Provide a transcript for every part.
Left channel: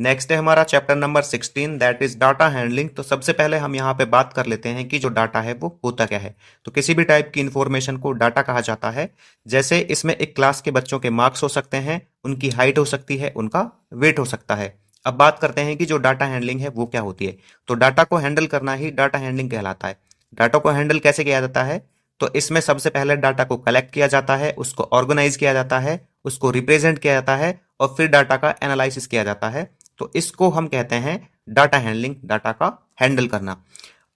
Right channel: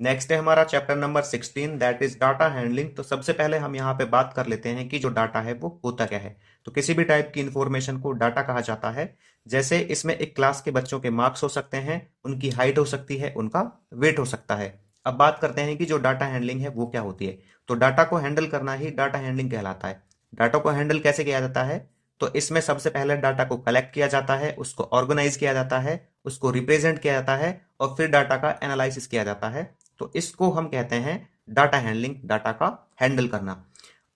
Next है हमारा chapter number 16 that is data handling. तो सबसे पहले हम यहाँ पे बात कर लेते हैं कि जो डाटा है वो होता क्या है। तो किसी भी टाइप की इंफॉर्मेशन को डाटा कहा जाता है। जैसे इसमें एक क्लास के बच्चों के मार्क्स हो सकते हैं, उनकी हाइट हो सकती है, उनका वेट हो सकता है। अब बात करते हैं कि जो डाटा हैंडलिंग है वो क्या होती है। तो डाटा को हैंडल करना ही डाटा हैंडलिंग कहलाता है। डाटा को हैंडल कैसे किया जाता है? तो इसमें सबसे पहले डाटा को कलेक्ट किया जाता है, उसको ऑर्गेनाइज किया जाता है, उसको रिप्रेजेंट किया जाता है और फिर डाटा का एनालिसिस किया जाता है। तो इसको हम कहते हैं डाटा हैंडलिंग, डाटा का हैंडल करना।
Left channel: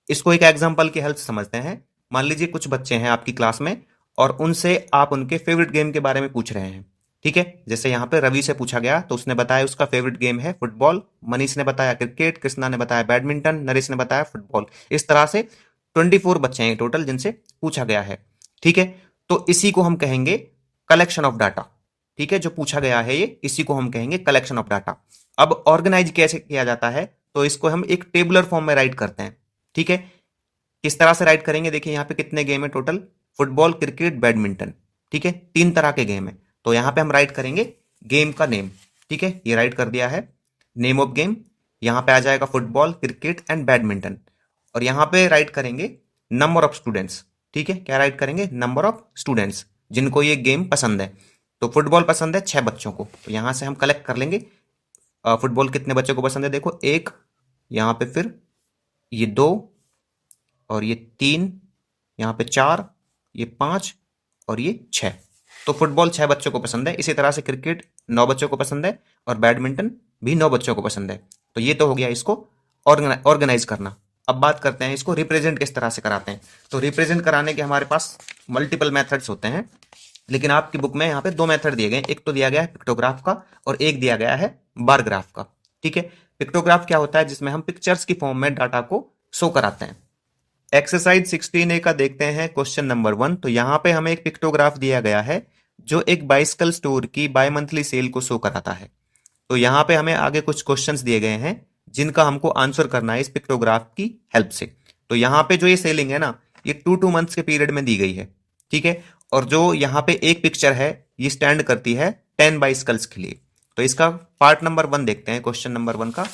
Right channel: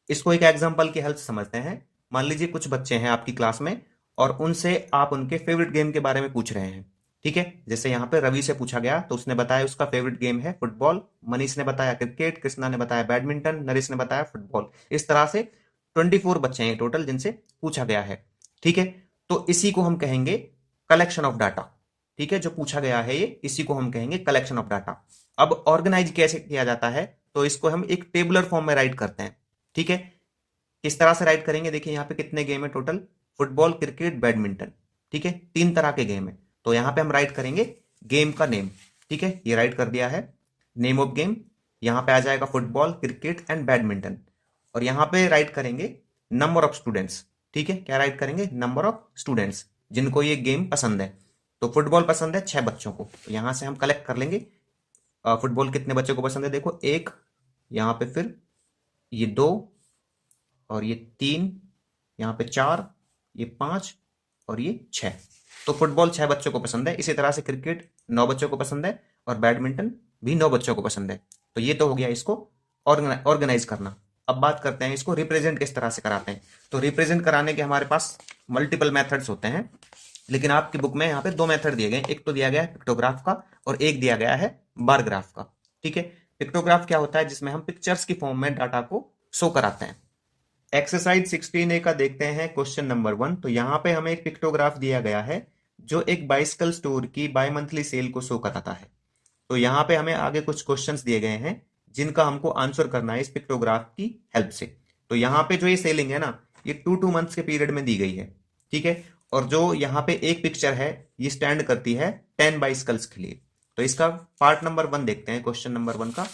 इसको एक एग्जांपल की हेल्प से समझते हैं। मान लीजिए कुछ बच्चे हैं आपकी क्लास में और उनसे आप उनके फेवरेट गेम के बारे में पूछ रहे हैं। ठीक है, जैसे यहाँ पे रवि से पूछा गया तो उसने बताया उसका फेवरेट गेम है फुटबॉल, मनीष ने बताया क्रिकेट, कृष्णा ने बताया बैडमिंटन, नरेश ने बताया फुटबॉल। इस तरह से 24 बच्चे हैं टोटल जिनसे पूछा गया है। ठीक है, तो इसी को हम कहेंगे कलेक्शन ऑफ डाटा। ठीक है, जो पूछा गया है ये, इसी को हम कहेंगे कलेक्शन ऑफ डाटा। अब ऑर्गेनाइज कैसे किया जाता है? तो इसको हम एक टेबुलर फॉर्म में राइट करते हैं। ठीक है, किस तरह से राइट करेंगे? देखिए यहाँ पे कितने गेम है टोटल, फुटबॉल, क्रिकेट, बैडमिंटन। ठीक है, 3 तरह के गेम है। तो यहाँ पे हम राइट करेंगे गेम का नेम। ठीक है, ये राइट कर दिया है, नेम ऑफ गेम। यहाँ पे आ जाएगा फुटबॉल, क्रिकेट एंड बैडमिंटन। और यहाँ पे राइट करेंगे नंबर ऑफ स्टूडेंट्स। ठीक है, क्या राइट करेंगे? नंबर ऑफ स्टूडेंट्स जिनको ये गेम पसंद है। तो फुटबॉल पसंद है 6 बच्चों को, तो यहाँ से हम कलेक्ट कर लेंगे फुटबॉल कितने बच्चों को पसंद है। देखो एक, यहाँ पे फिर ये 2 और ये 3, यहाँ पे 4, ये 5 और ये 6। तो फुटबॉल 6 बच्चों को पसंद है। इसी तरह से क्रिकेट 9 बच्चों को पसंद है और बैडमिंटन भी 9 बच्चों को पसंद है। तो ये तो हो गया इसको ऑर्गेनाइज करना। अब बात करते हैं इसको रिप्रेजेंट किस तरह से कराते हैं। तो रिप्रेजेंट कराने के हमारे पास मल्टीपल मेथड्स होते हैं, लेकिन आपकी बुक में यहाँ पे 2 मेथड दिए गए हैं। एक तो दिया गया है पिक्टोग्राफ का और एक दिया गया है बार ग्राफ का। ठीक है, पिक्टोग्राफ क्या होता है? जिसमें हम पिक्चर्स की फॉर्म में डाटा को शो कराते हैं। एक्सरसाइज 16A का देखते हैं क्वेश्चन नंबर 1। तो यहाँ पे हमें एक पिक्टोग्राफ दिया गया है जो एक बाइसिकल स्टोर की बाय मंथली सेल को शो कराता है। तो यहाँ पे हमें आगे कुछ क्वेश्चंस दिए गए हैं जिनका हमको आंसर करना है इस पिक्टोग्राफ की हेल्प से। तो यहाँ पे जो ये सेलिंग है ना, ये 2 2 मंथ्स के पीरियड में दी गई है। ठीक है, और जो यहाँ पे एक पिक्चर है ये स्टैंड करती है 10 बाइसिकल्स के लिए। तो इसका पार्ट नंबर 1 देखते हैं, क्वेश्चन नंबर 1 का।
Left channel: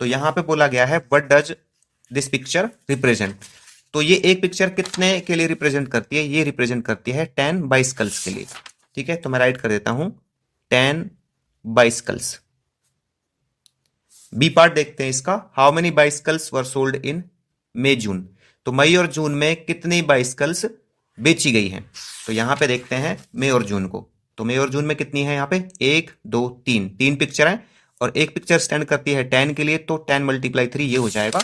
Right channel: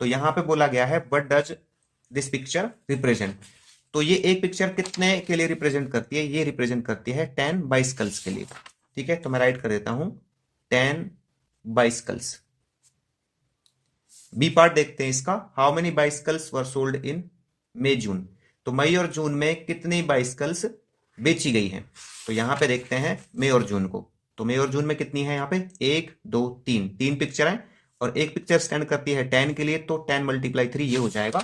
तो यहाँ पे बोला गया है what does this picture represent. तो ये एक पिक्चर कितने के लिए रिप्रेजेंट करती है? ये रिप्रेजेंट करती है 10 बाइसिकल्स के लिए। ठीक है, तो मैं राइट कर देता हूं 10 बाइसिकल्स। बी पार्ट देखते हैं इसका, how many bicycles were sold in May June. तो मई और जून में कितनी बाइसिकल्स बेची गई हैं? तो यहां पे देखते हैं मई और जून को। तो मई और जून में कितनी है? यहाँ पे 1 2 3, 3 पिक्चर है और एक पिक्चर स्टैंड करती है 10 के लिए। तो 10 × 3 ये हो जाएगा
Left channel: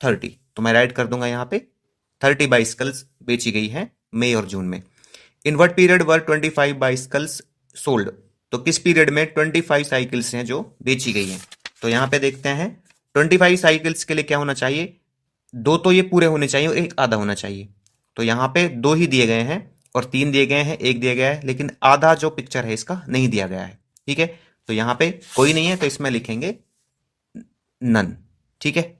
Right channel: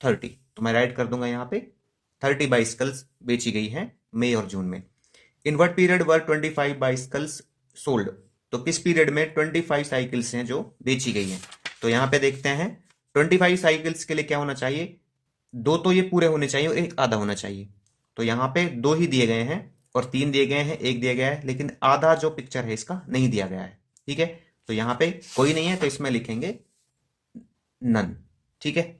30। तो मैं राइट कर दूंगा यहाँ पे 30 बाइसिकल्स बेची गई हैं मई और जून में। In what period were 25 bicycles sold. तो किस पीरियड में 25 साइकिल्स हैं जो बेची गई हैं? तो यहां पे देखते हैं 25 साइकिल्स के लिए क्या होना चाहिए? 2 तो ये पूरे होने चाहिए और एक आधा होना चाहिए। तो यहाँ पे 2 ही दिए गए हैं और 3 दिए गए हैं, एक दिया गया है, लेकिन आधा जो पिक्चर है इसका नहीं दिया गया है। ठीक है, तो यहाँ पे कोई नहीं है तो इसमें लिखेंगे नन। ठीक है,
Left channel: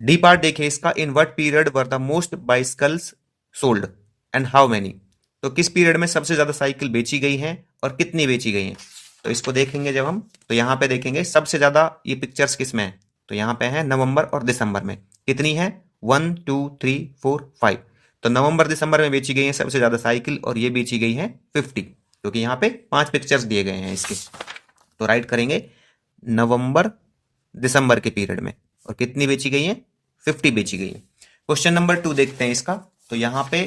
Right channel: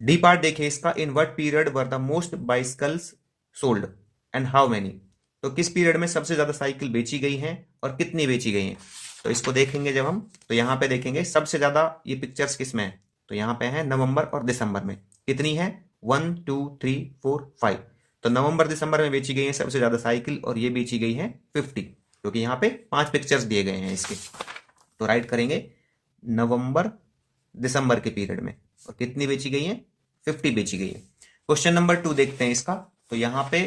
डी पार्ट देखिए इसका, in what period were the most bicycles sold and how many. तो किस पीरियड में सबसे ज्यादा साइकिल बेची गई हैं और कितनी बेची गई हैं? तो इसको देखेंगे जब हम, तो यहाँ पे देखेंगे सबसे ज्यादा ये पिक्चर्स किस में है। तो यहाँ पे है नवंबर और दिसंबर में। कितनी है? 1 2 3 4 5। तो नवंबर दिसंबर में बेची गई है सबसे ज्यादा साइकिल और ये बेची गई है 50, क्योंकि यहाँ पे 5 पिक्चर्स दिए गए हैं इसके। तो राइट करेंगे नवंबर दिसंबर के पीरियड में। और कितनी बेची गई है? 50 बेची गई है। क्वेश्चन नंबर 2 देखते हैं इसका। तो यहाँ पे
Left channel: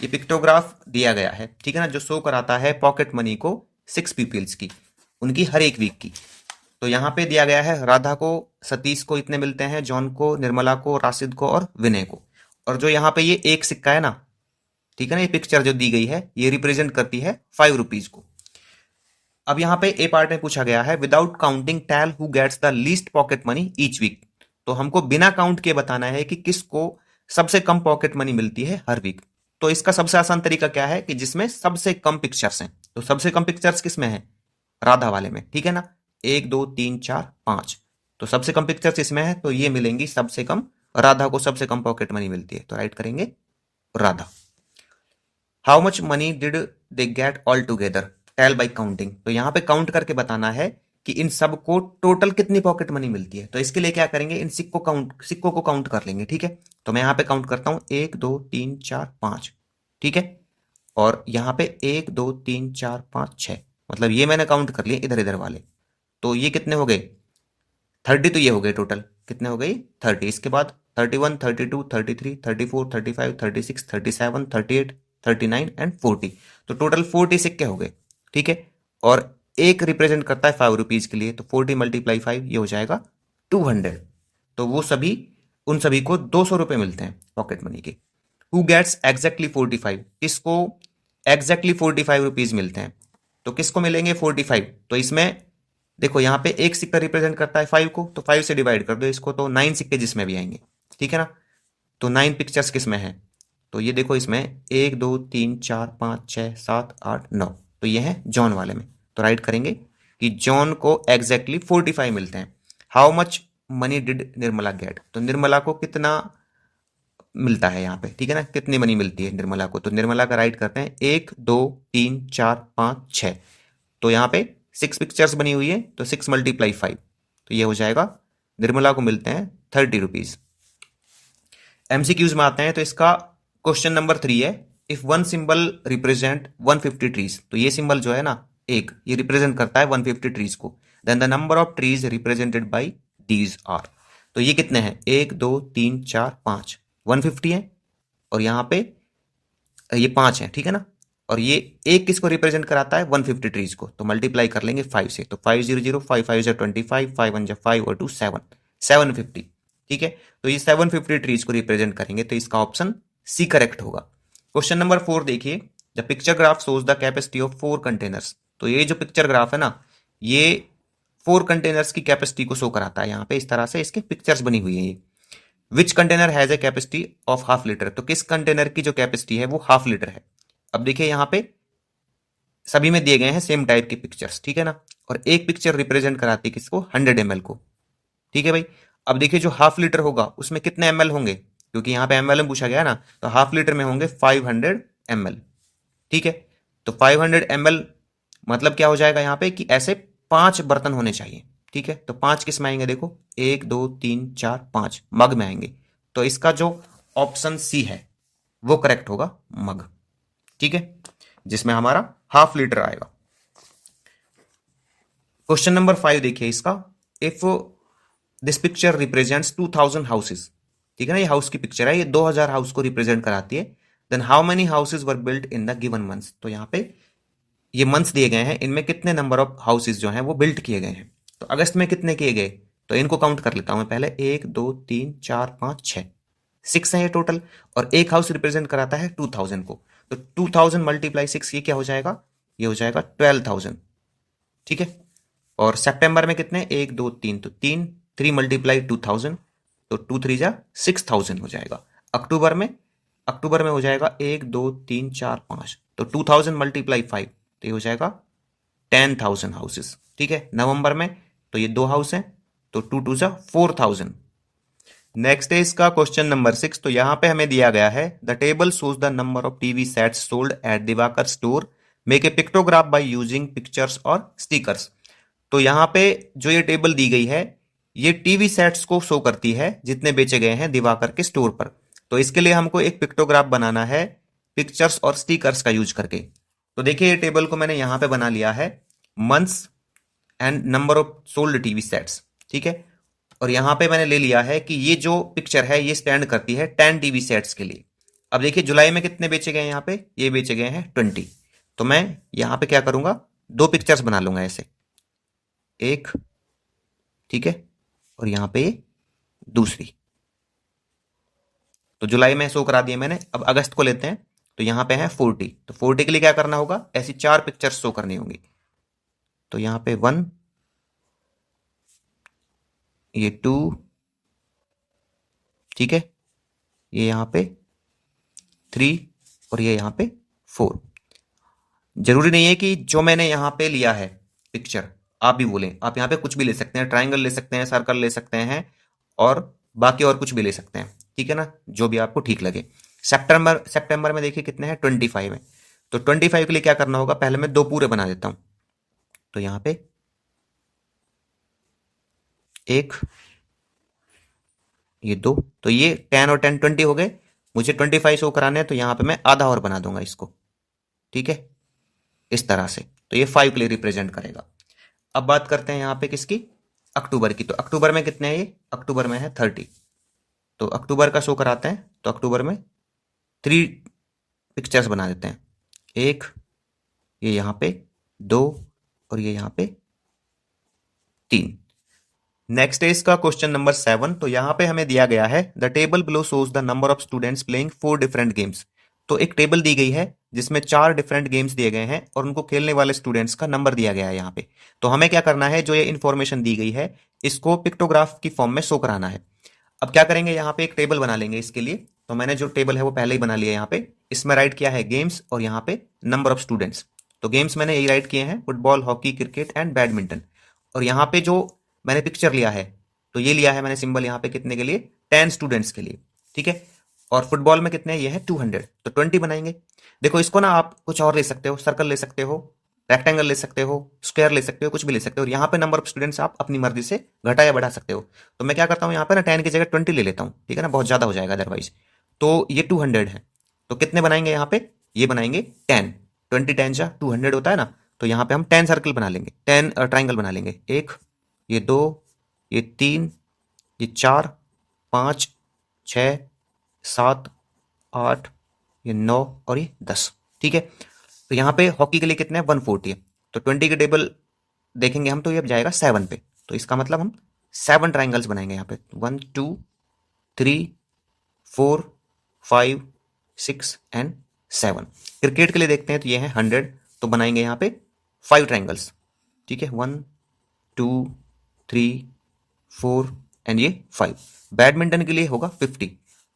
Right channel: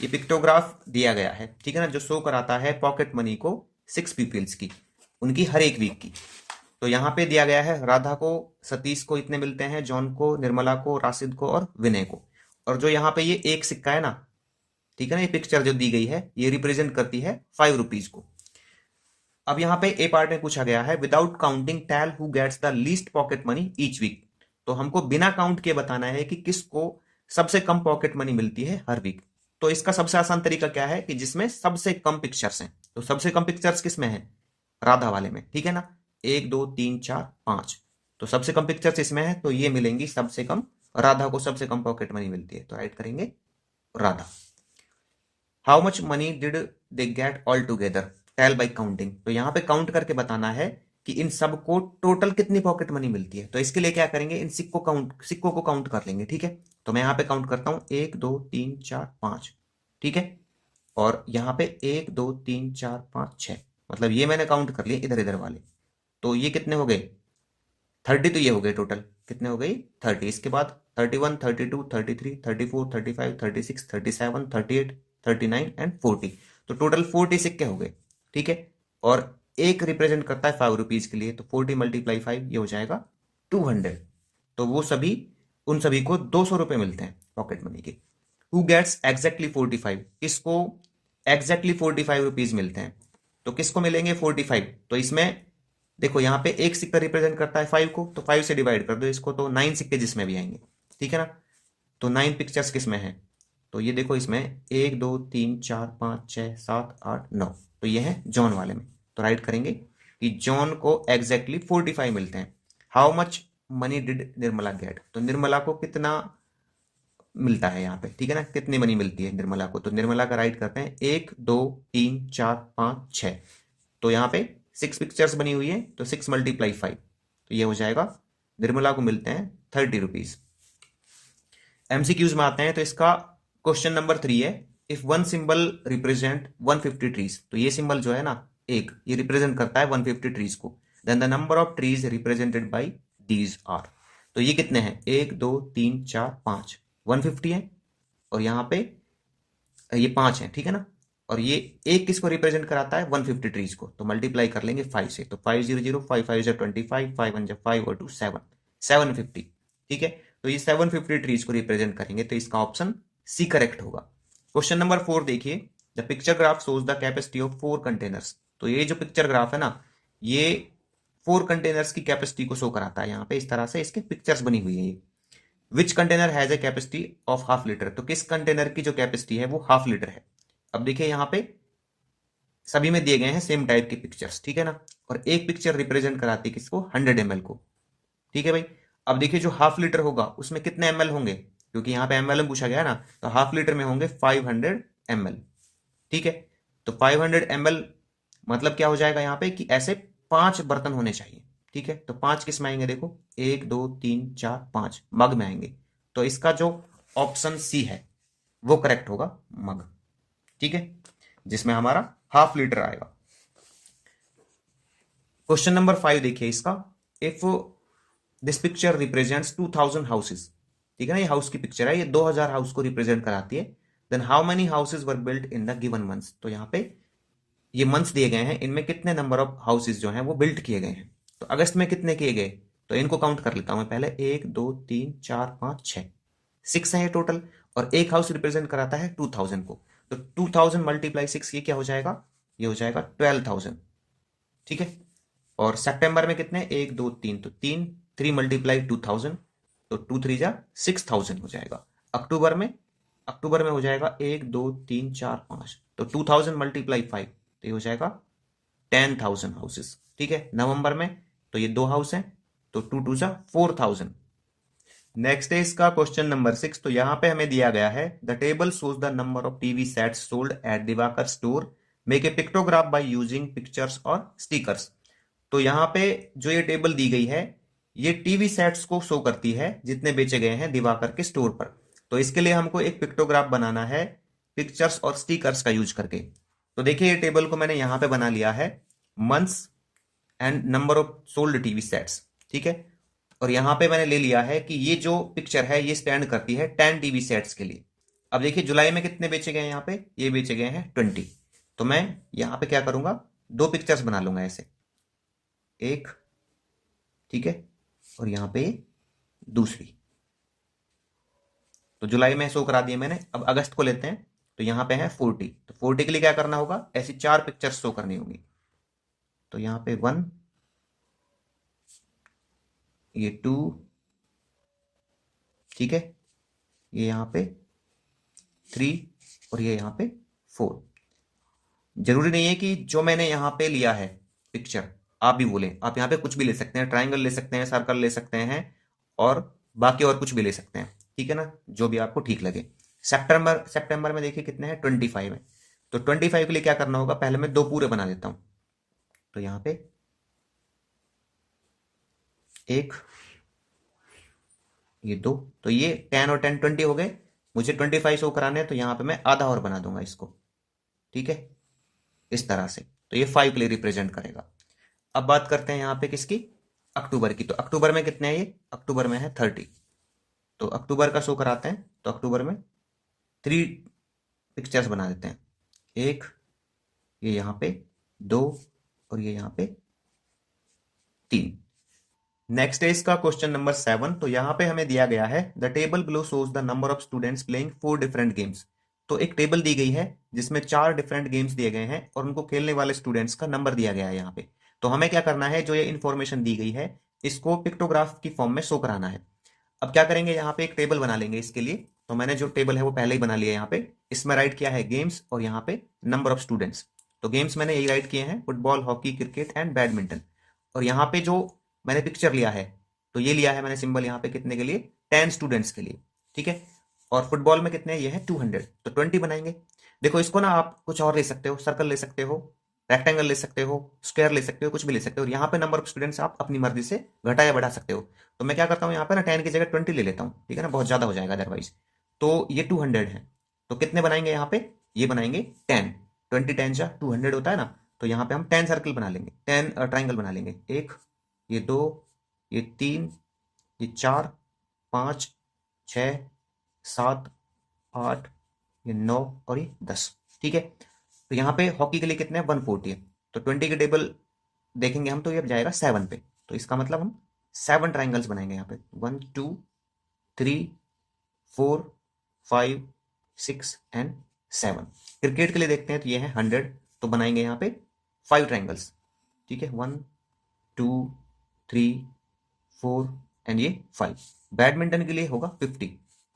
ये पिक्टोग्राफ दिया गया है, ठीक है ना, जो शो कराता है पॉकेट मनी को 6 पीपल्स की, उनकी हर एक वीक की। तो यहाँ पे दिया गया है राधा को, सतीश को इतने मिलते हैं, जॉन को, निर्मला को, राशिद को और विनय को। और जो यहाँ पे ये एक सिक्का है ना, ठीक है ना, ये पिक्चर जो दी गई है ये रिप्रेजेंट करती है 5 रुपीज को। अब यहाँ पे ए पार्ट में पूछा गया है without counting tell who gets the least pocket money each week. तो हमको बिना काउंट के बताना है कि किसको सबसे कम पॉकेट मनी मिलती है हर वीक। तो इसका सबसे आसान तरीका क्या है कि जिसमें सबसे कम पिक्चर्स हैं। तो सबसे कम पिक्चर्स किस में है? राधा वाले में, ठीक है ना। 1 2 3 4 5, तो सबसे कम पिक्चर्स इसमें है, तो ये मिलेंगी सबसे कम। राधा को सबसे कम पॉकेट मनी मिलती है, तो राइट करेंगे Radha. How much money did they get all together, tell by counting. तो यहाँ पे काउंट करके बताना है कि इन सबको टोटल कितनी पॉकेट मनी मिलती है। तो इसके लिए क्या करेंगे, इन सिक्कों को काउंट कर लेंगे। ठीक है, तो मैं यहाँ पे काउंट करता हूँ 1 2 3 4 5। ठीक है, और यहाँ पे 1 2 3 4 5 6, मतलब ये मैंने काउंट कर लिए इधर इधर वाले। तो ये कितने हो गए 30, तो ये हो गए टोटल कितने हो गई 30। इसके बाद 31 32 33 34 35 36 37 38 39 एंड 40, तो टोटल 40 सिक्के हो गए। ठीक है, और एक रिप्रेजेंट करता है 5 रुपीज के लिए, तो 40 मल्टीप्लाई 5 ये हो जाएगा 200। तो वो सभी उन सभी को 200 रुपये मिलते हैं पॉकेट मनी के। हु गेट्स एग्जैक्टली 45, इसको एग्जैक्टली 45 रुपीज मिलते हैं। तो किसको मिलेंगे 45, तो इसमें देखो यहाँ पे एक सिक्का रिप्रेजेंट करता है 5 को, तो 5 से डिवाइड कर दो इसको, तो 9 सिक्के जिसमें भी आएंगे। ठीक है ना, तो 9 पिक्चर्स किस में है, तो ये देखो इसमें 1 2 3 4 5 6 7 8 9, तो ये है जॉन वाले में। तो राइट करेंगे कि जॉन को एग्जैक्टली 45 मिलते हैं। How much money did Nirmala get, तो निर्मला को कितना मिलता है यहाँ पे। ठीक है ना, कितनी मनी मिलती है निर्मला को, तो निर्मला का राइट करते हैं 1 2 3 4 5 6। तो यहाँ पे 6 पिक्चर्स बनी हुई है, तो 6 मल्टीप्लाई 5, तो ये हो जाएगा निर्मला को मिलते हैं 30 रुपीज। एमसीक्यूज में आते हैं, तो इसका क्वेश्चन नंबर 3 है, if one symbol represent 150 trees, तो ये सिंबल जो है ना एक, ये रिप्रेजेंट करता है 150 ट्रीज को, then the number of trees represented by these are. तो ये कितने हैं 1 2 3 4 5, 150 है, और यहाँ पे ये 5 है। ठीक है ना, और ये एक किसको रिप्रेजेंट कराता है 150 ट्रीज को, तो मल्टीप्लाई कर लेंगे 5 से, तो 5 0 0 5 5 25 5 1 5 और 2 7 750। ठीक है, तो ये 750 ट्रीज को रिप्रेजेंट करेंगे, तो इसका ऑप्शन सी करेक्ट होगा। क्वेश्चन नंबर 4 देखिए, the picture graph shows the capacity of 4 containers. तो ये जो पिक्चर ग्राफ है ना, ये 4 कंटेनर्स की कैपेसिटी को शो कराता है। यहाँ पे इस तरह से इसके पिक्चर्स बनी हुई है ये। Which container has a capacity of half litre, तो किस कंटेनर की जो कैपेसिटी है वो हाफ लीटर है। अब देखिए यहाँ पे सभी में दिए गए हैं सेम टाइप के पिक्चर्स। ठीक है ना, और एक पिक्चर रिप्रेजेंट कराती है किसको 100 ml को। ठीक है भाई, अब देखिए जो हाफ लीटर होगा उसमें कितने ml होंगे, क्योंकि यहाँ पे ml में पूछा गया ना, तो हाफ लीटर में होंगे 500 ml। ठीक है, तो 500 ml मतलब क्या हो जाएगा यहाँ पे कि ऐसे 5 बर्तन होने चाहिए। ठीक है, तो 5 किस में आएंगे, देखो 1 2 3 4 5 मग में आएंगे। तो इसका जो ऑप्शन सी है वो करेक्ट होगा, मग। ठीक है, जिसमें हमारा हाफ लीटर आएगा। क्वेश्चन नंबर 5 देखिए इसका, if this picture represents 2000 houses. ठीक है ना, ये हाउस की पिक्चर है, ये 2000 हाउस को रिप्रेजेंट कराती है। Then how many houses were built in the given months, तो यहाँ पे ये मंथ्स दिए गए हैं, इनमें कितने नंबर ऑफ हाउसेस जो हैं वो बिल्ट किए गए हैं। तो अगस्त में कितने किए गए, तो इनको काउंट कर लेता हूं मैं पहले, 1 2 3 4 5 6, 6 है टोटल, और एक हाउस रिप्रेजेंट कराता है 2000 को, तो 2000 मल्टीप्लाई 6 ये क्या हो जाएगा, ये हो जाएगा 12,000। ठीक है, और सितंबर में कितने 1 2 3, तो 3 मल्टीप्लाई 2000, तो 2 3 जा 6000 हो जाएगा। अक्टूबर में हो जाएगा 1 2 3 4 5, तो 2000 मल्टीप्लाई 5, तो ये हो जाएगा 10,000 हाउसेस। ठीक है, नवंबर में तो ये 2 हाउस हैं, तो 2 2 जा 4000। नेक्स्ट है इसका क्वेश्चन नंबर 6, तो यहां पे हमें दिया गया है the table shows the number of TV sets sold at Diwakar store, make a pictograph by using pictures और स्टिकर्स। तो यहाँ पे जो ये टेबल दी गई है ये टीवी सेट्स को शो करती है जितने बेचे गए हैं दिवाकर के स्टोर पर। तो इसके लिए हमको एक पिक्टोग्राफ बनाना है पिक्चर्स और स्टिकर्स का यूज करके। तो देखिए ये टेबल को मैंने यहाँ पे बना लिया है, months and number of sold TV sets. ठीक है, और यहां पे मैंने ले लिया है कि ये जो पिक्चर है ये स्टैंड करती है 10 टीवी सेट्स के लिए। अब देखिए जुलाई में कितने बेचे गए हैं, यहाँ पे ये बेचे गए हैं 20। तो मैं यहाँ पे क्या करूंगा, 2 पिक्चर्स बना लूंगा ऐसे, एक, ठीक है, और यहाँ पे दूसरी। तो जुलाई में शो करा दिए मैंने। अब अगस्त को लेते हैं, तो यहाँ पे है 40, तो 40 के लिए क्या करना होगा, ऐसी 4 पिक्चर्स शो करनी होंगी। तो यहाँ पे 1, ये 2, ठीक है, ये यहाँ पे 3, और ये यहाँ पे 4। जरूरी नहीं है कि जो मैंने यहाँ पे लिया है पिक्चर आप भी बोलें, आप यहाँ पे कुछ भी ले सकते हैं, ट्राइंगल ले सकते हैं, सर्कल ले सकते हैं, और बाकी और कुछ भी ले सकते हैं। ठीक है ना, जो भी आपको ठीक लगे। सितंबर में देखिए कितने हैं 25 है, तो 25 के लिए क्या करना होगा, पहले मैं 2 पूरे बना देता हूँ। तो यहाँ पे एक, ये दो, तो ये 10 और 10 20 हो गए। मुझे 25 शो कराने हैं तो यहाँ पे मैं आधा और बना दूंगा इसको। ठीक है, इस तरह से। तो ये 5 के लिए रिप्रेजेंट करेगा। अब बात करते हैं यहाँ पे किसकी, अक्टूबर की। तो अक्टूबर में कितने हैं, ये अक्टूबर में है 30। तो अक्टूबर का शो कराते हैं, तो अक्टूबर में 3 पिक्चर्स बना देते हैं। एक, ये यहाँ पे 2, और ये यहाँ पे 3। नेक्स्ट है इसका क्वेश्चन नंबर 7। तो यहाँ पे हमें दिया गया है the table below shows the number of students playing 4 different games. तो एक टेबल दी गई है जिसमें 4 डिफरेंट गेम्स दिए गए हैं और उनको खेलने वाले स्टूडेंट्स का नंबर दिया गया है यहाँ पे। तो हमें क्या करना है, जो ये इन्फॉर्मेशन दी गई है इसको पिक्टोग्राफ की फॉर्म में शो कराना है। अब क्या करेंगे, यहाँ पे एक टेबल बना लेंगे इसके लिए। तो मैंने जो टेबल है वो पहले ही बना लिया है यहाँ पे। इसमें राइट किया है गेम्स और यहाँ पे नंबर ऑफ स्टूडेंट्स। तो गेम्स मैंने यही राइट किए हैं, football, hockey, cricket and badminton. और यहाँ पे जो मैंने पिक्चर लिया है, तो ये लिया है मैंने सिंबल यहाँ पे कितने के लिए, 10 स्टूडेंट्स के लिए। ठीक है, और फुटबॉल में कितने, ये है 200, तो 20 बनाएंगे। देखो इसको ना आप कुछ और ले सकते हो, सर्कल ले सकते हो, रेक्टेंगल ले सकते हो, स्क्वायर ले सकते हो, कुछ भी ले सकते हो। और यहाँ पे नंबर ऑफ स्टूडेंट्स आप अपनी मर्जी से घटा या बढ़ा सकते हो। तो मैं क्या करता हूँ, यहाँ पे ना 10 की जगह 20 ले लेता हूँ, ठीक है ना, बहुत ज़्यादा हो जाएगा अदरवाइज। तो ये 200 है। तो कितने बनाएंगे यहाँ पे, ये बनाएंगे 10। 20 10 जा 200 होता है ना। तो यहाँ पे हम 10 सर्कल बना लेंगे, 10 ट्राइंगल बना लेंगे। एक, ये दो, ये तीन, ये 4, 5, 6, 7, 8, ये 9 और ये 10। ठीक है, तो यहाँ पे हॉकी के लिए कितने हैं, 140 है। तो 20 के टेबल देखेंगे हम तो ये अब जाएगा 7 पे। तो इसका मतलब हम 7 ट्राइंगल्स बनाएंगे यहाँ पे, 1 2 3 4 5 6 एंड 7। क्रिकेट के लिए देखते हैं तो ये है 100, तो बनाएंगे यहाँ पे 5 ट्राइंगल्स। ठीक है, 1 2 3 4 एंड ये 5। बैडमिंटन के लिए होगा 50।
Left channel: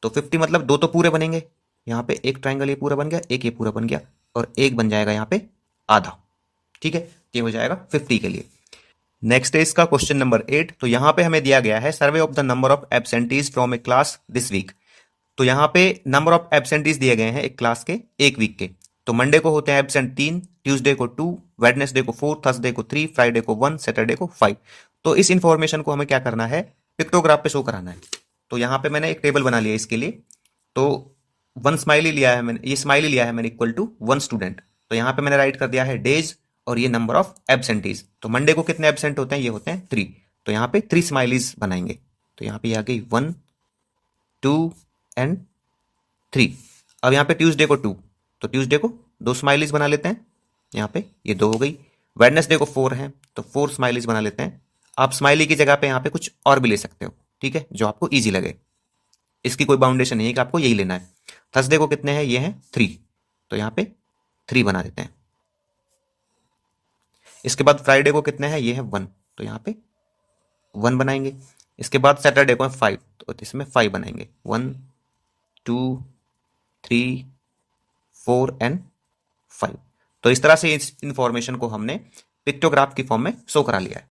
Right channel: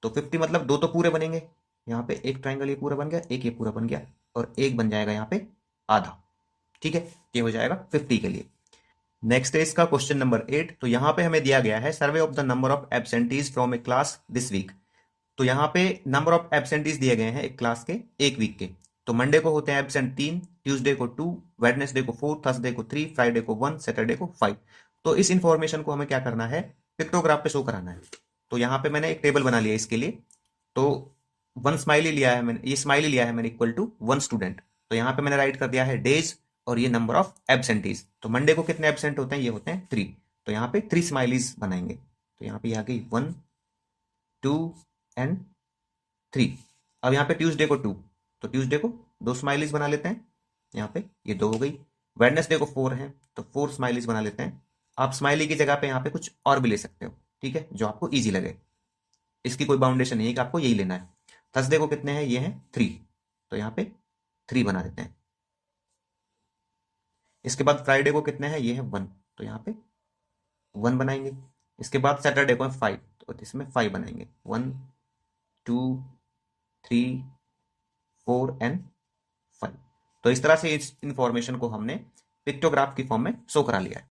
तो 50 मतलब दो तो पूरे बनेंगे, यहाँ पे एक ट्राइंगल ये पूरा बन गया, एक ये पूरा बन गया, और एक बन जाएगा यहाँ पे आधा। ठीक है, ये हो जाएगा 50 के लिए। नेक्स्ट है इसका क्वेश्चन नंबर 8। तो यहाँ पे हमें दिया गया है survey of the number of absentees from a class this week. तो यहाँ पे नंबर ऑफ एब्सेंटीज दिए गए हैं एक क्लास के एक वीक के। तो मंडे को होते हैं एब्सेंट 3, ट्यूसडे को 2, वेडनेसडे को 4, थर्सडे को 3, फ्राइडे को 1, सैटरडे को 5। तो इस इंफॉर्मेशन को हमें क्या करना है, पिक्टोग्राफ पे शो कराना है। तो यहाँ पे मैंने एक टेबल बना लिया इसके लिए। तो 1 स्माइली लिया है मैंने, ये स्माइली लिया है मैंने इक्वल टू 1 स्टूडेंट। तो यहाँ पे मैंने राइट कर दिया है डेज और ये नंबर ऑफ एब्सेंटीज। तो मंडे को कितने एब्सेंट होते हैं, ये होते हैं 3। तो यहाँ पे 3 स्माइलीज बनाएंगे। तो यहाँ पे आ गई 1 2 एंड 3। अब यहाँ पे ट्यूसडे को 2, तो ट्यूसडे को 2 स्माइलीज बना लेते हैं। यहाँ पे ये 2 हो गई। वेडनेसडे को 4 है तो 4 स्माइलीज बना लेते हैं। आप स्माइली की जगह पे यहाँ पे कुछ और भी ले सकते हो, ठीक है, जो आपको ईजी लगे। इसकी कोई बाउंडेशन नहीं है कि आपको यही लेना है। थर्सडे को कितने हैं, ये हैं 3, तो यहाँ पे 3 बना देते हैं। इसके बाद फ्राइडे को कितने हैं, ये है 1, तो यहाँ पे 1 बनाएंगे। इसके बाद सैटरडे को है 5, तो इसमें 5 बनाएंगे, 1 2 3 4 एंड 5। तो इस तरह से इस इंफॉर्मेशन को हमने पिक्टोग्राफ की फॉर्म में शो करा लिया है।